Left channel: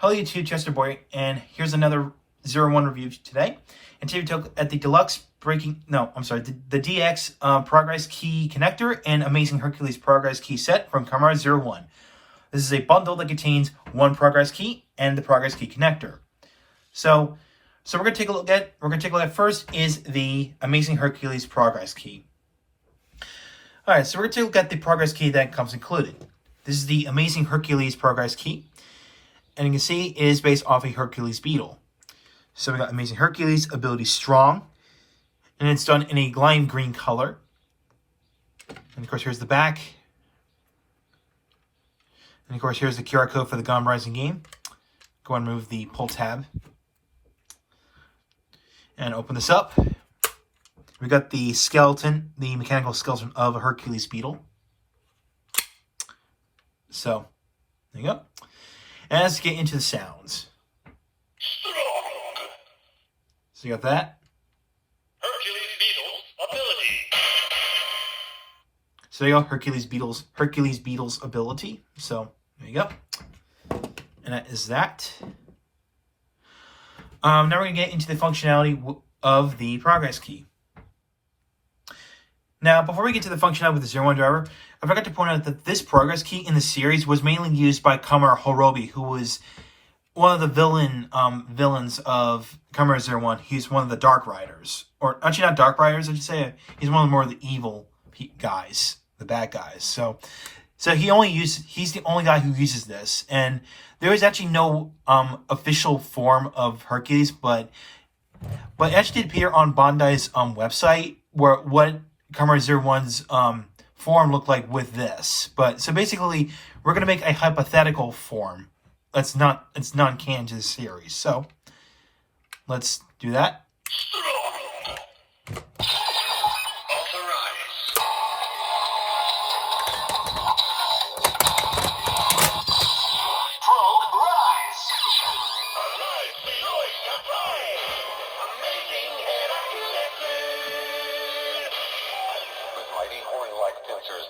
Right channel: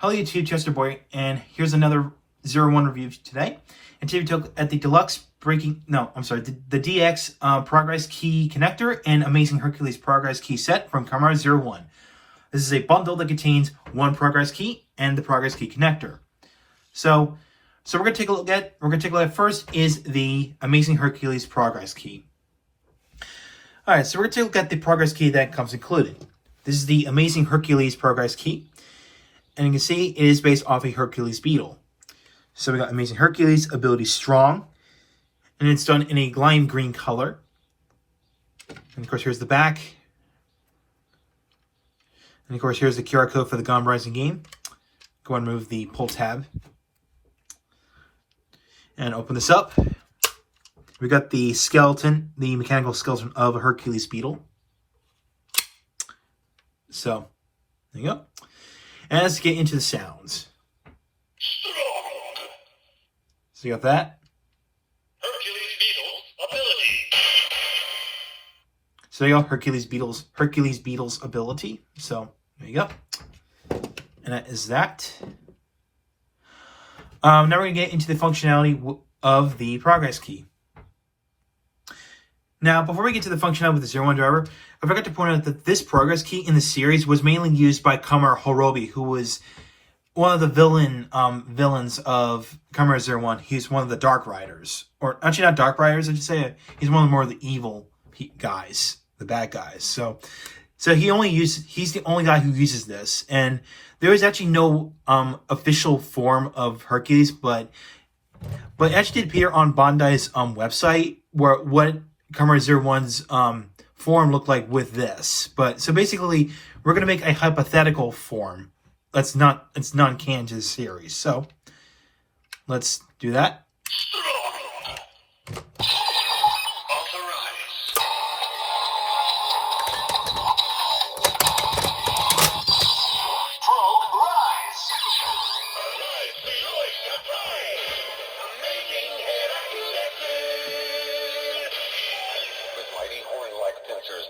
Hello YouTube, Chester Boy, and here's another 01 review today. And today we took at the deluxe the DX Progrise key connector and Amazing Hercules Progrise key set from Kamen 01. This is a bundle that contains one Progrise key and the Progrise key connector. So we're gonna take a look at first is the Amazing Hercules Progrise key. Alright, so we're gonna take a look at the Progrise key that comes included. This is the Amazing Hercules Progrise key. And you can see it is based off a Hercules beetle. So we got Amazing Hercules, ability strong. And it's done in a lime green color. And of course, here's the back. And of course, here's the QR code for the Kamen Rising game. Go ahead and move the pull tab. And open this up. We got the skeleton, the mechanical skeleton of a Hercules beetle. So, there you go. And let's get into the sounds. So you got that. Hercules Beetle's ability. So you got Hercules Beetle's ability. So there you go. And that is that. Now we're going to get into the functionality of the Progrise key. Now, before we get to the functionality with the 01 driver, I forgot to point out that this Progrise key in the series was mainly used by Kamen Horobi, who was one of the villains of Kamen 01. He's one of the Dark Riders. Or, actually not Dark Riders, I should say. He's one of the more of the evil guys, the bad guys. So he's the only guy who uses this. And there is actually no official form of Hercules, but it actually did appear on Bandai's website, where what Kamen 01's form looked like with this. But so basically, we're gonna make a hypothetical form. It's non-canon to the series. So let's do that.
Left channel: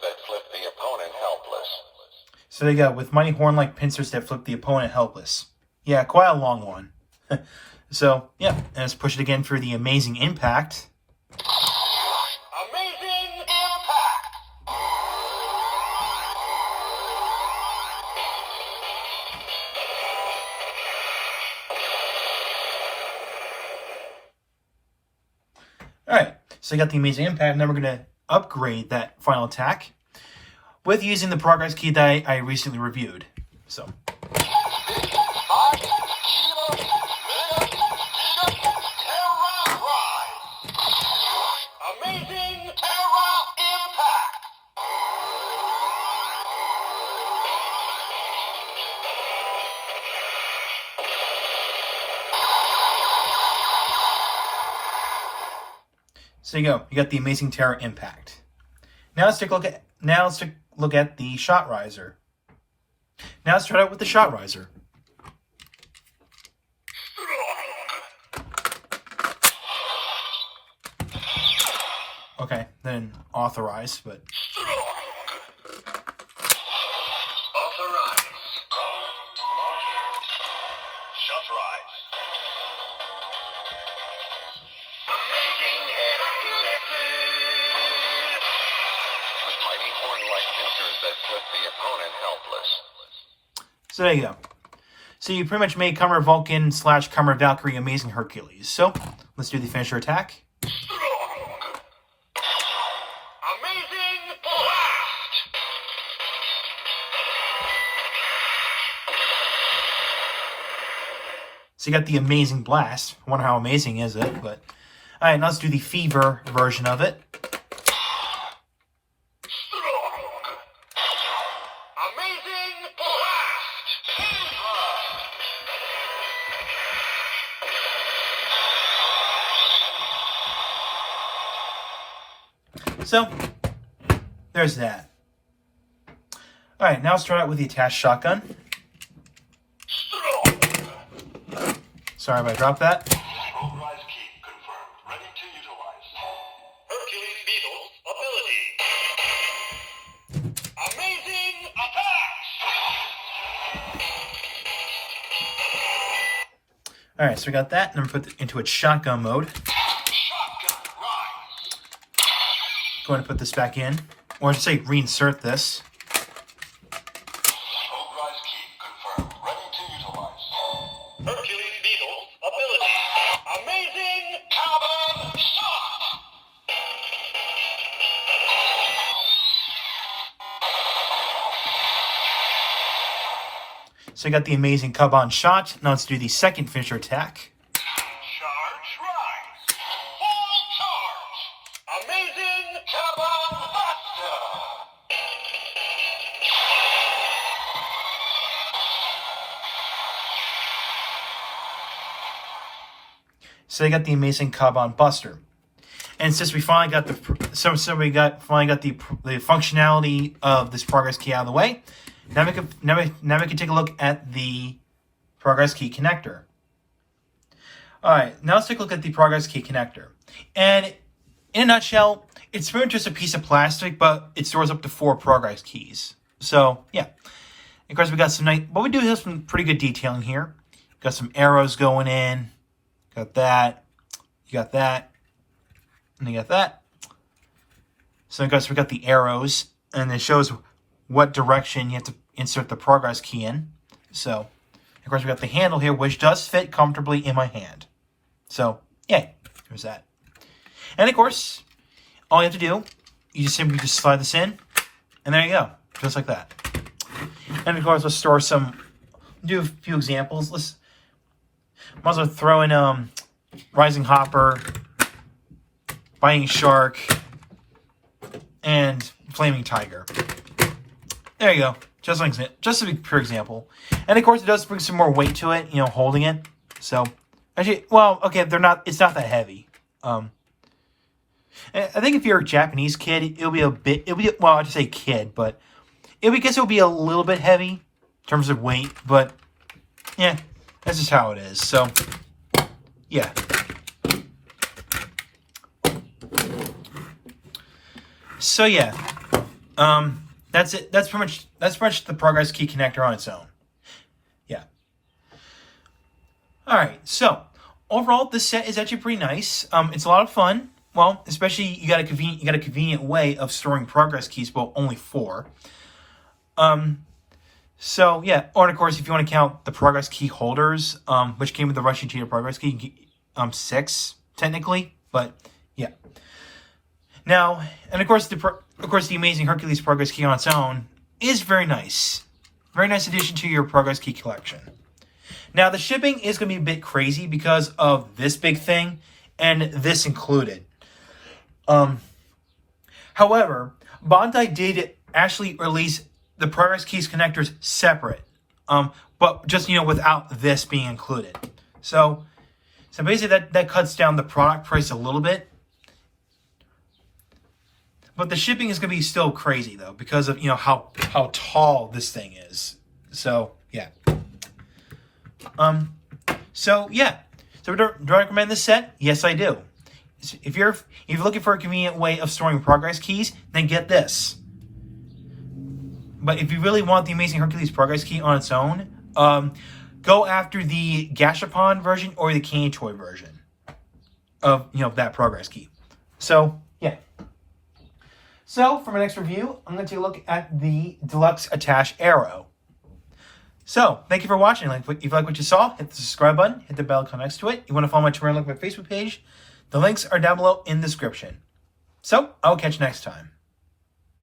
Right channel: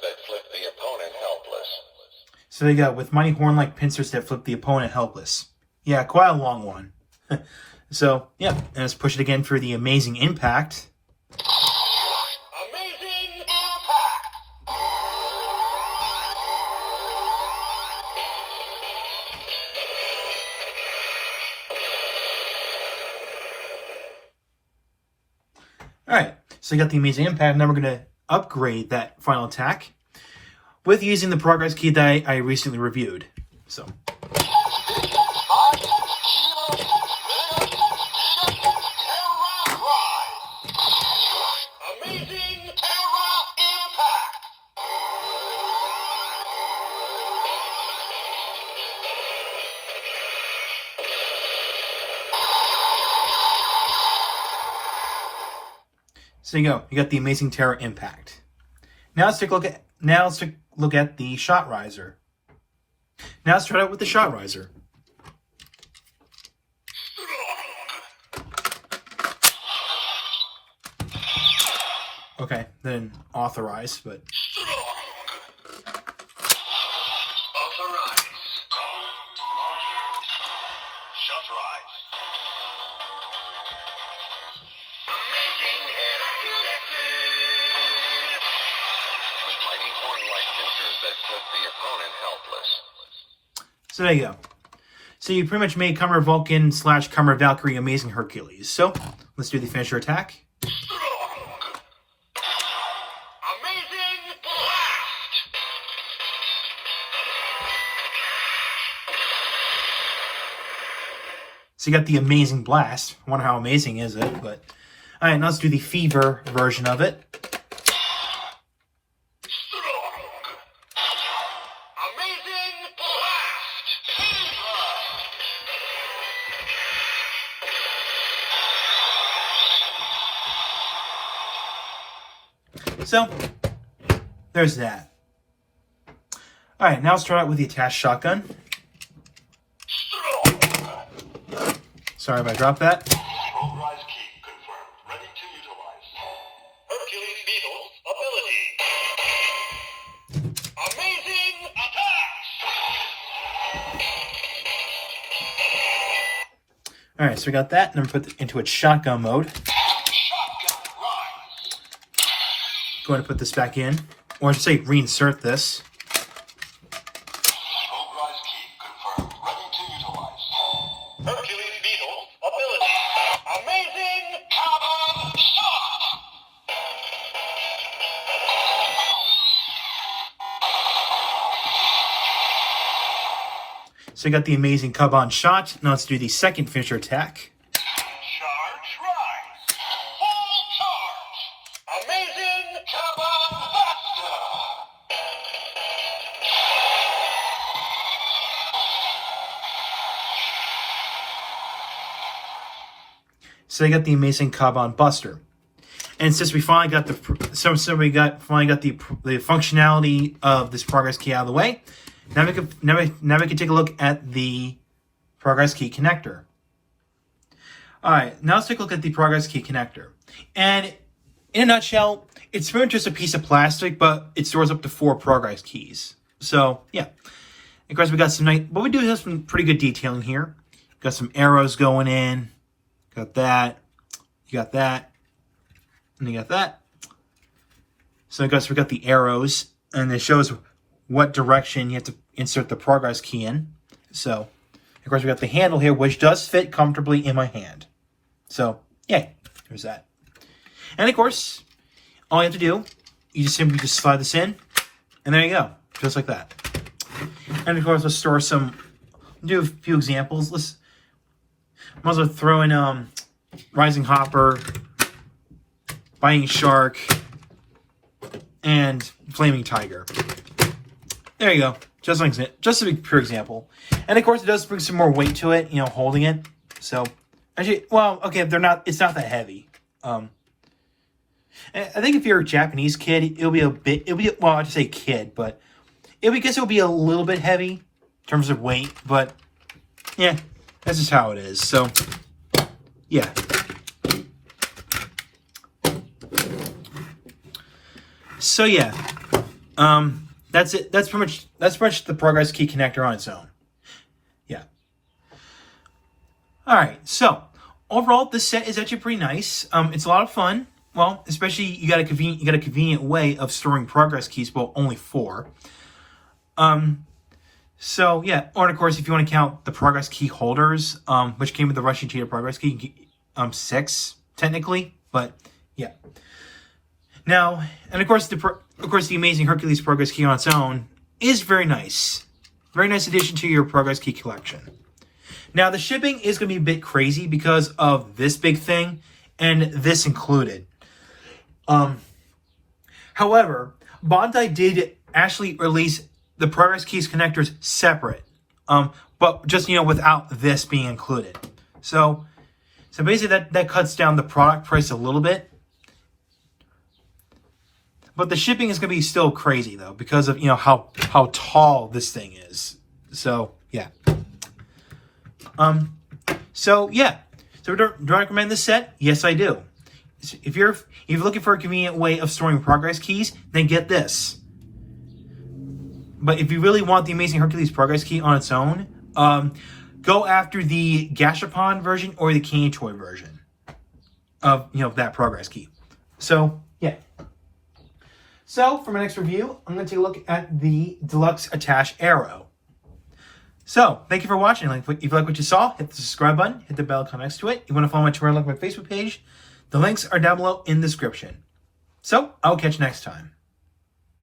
That flip the opponent helpless. So they got with mighty horn-like pincers that flip the opponent helpless. Yeah, quite a long one. So, yeah, and let's push it again for the amazing impact. Amazing impact! Alright, so you got the amazing impact, and then we're going to upgrade that final attack with using the Progrise key that I recently reviewed. So. Amazing Terra Impact! So there you go. You got the amazing Terra Impact. Now let's take a look at the Shot Riser. Now let's start out with the Shot Riser. Okay, then authorize, but Authorize. Shot rise. Amazing with mighty horn-like pincers that flip the opponent helpless. so there you go. So you pretty much made Kamen Vulcan / Kamen Valkyrie Amazing Hercules. So let's do the finisher attack. Amazing blast! So you got the amazing blast. I wonder how amazing is it, but all right, now let's do the fever version of it. Amazing blast! So there's that. All right, now let's start out with the attached shotgun. Sorry if I dropped that. Progrise key confirmed. Ready to utilize. Hercules Beetle's ability. Amazing attack! All right, so we got that, and I'm going to put it into its shotgun mode. Shotgun rise. Going to put this back in, or I should say reinsert this. Progrise key confirmed. Ready to utilize. Hercules Beetle ability. Amazing Kamen shot. So we got the amazing Kamen shot. Now let's do the second finisher attack. Charge rise. Full charge. Amazing Kamen faster. So they got the amazing Kamen Buster, and since we finally got the finally got the functionality of this progress key out of the way, now we can take a look at the progress key connector. All right, now let's take a look at the progress key connector, and in a nutshell, it's pretty much just a piece of plastic, but it stores up to 4 progress keys. So yeah, of course we got some nice, but we do have some pretty good detailing here. Got some arrows going in. Got that, you got that, and you got that. So I guess we got the arrows, and it shows what direction you have to insert the progress key in. So, of course, we got the handle here, which does fit comfortably in my hand. So, yay, there's that. And of course, all you have to do, you just simply just slide this in, and there you go, just like that. And of course, let's do a few examples. Might as well throw in Rising Hopper, Biting Shark, and Flaming Tiger. There you go. Just a pure example. And of course, it does bring some more weight to it, holding it. So, actually, well, okay, it's not that heavy. I think if you're a Japanese kid, well, I just say kid, but it'll be a little bit heavy in terms of weight, but yeah. That's just how it is. So, yeah. So yeah, that's it. That's pretty much the progress key connector on its own. Yeah. All right. So overall, this set is actually pretty nice. It's a lot of fun. Well, especially you got a convenient way of storing progress keys. Well, only 4. So, yeah, or of course, if you want to count the progress key holders, which came with the Russian Cheetah progress key, 6, technically, but, yeah. Now, and of course, the amazing Hercules progress key on its own is very nice. Very nice addition to your progress key collection. Now, the shipping is going to be a bit crazy because of this big thing, and this included. However, Bandai did actually release the progress keys connectors separate, but just without this being included. So basically that cuts down the product price a little bit. But the shipping is going to be still crazy though because of how tall this thing is. So yeah. So do I recommend this set? Yes, I do. If you're looking for a convenient way of storing progress keys, then get this. But if you really want the amazing Hercules progress key on its own, go after the Gashapon version or the Candy Toy version of that progress key. So yeah. So for my next review, I'm going to take a look at the Deluxe Attach Arrow. So thank you for watching. If you like what you saw, hit the subscribe button, hit the bell icon next to it. You want to follow my Twitter, like my Facebook page? The links are down below in the description. So I'll catch you next time.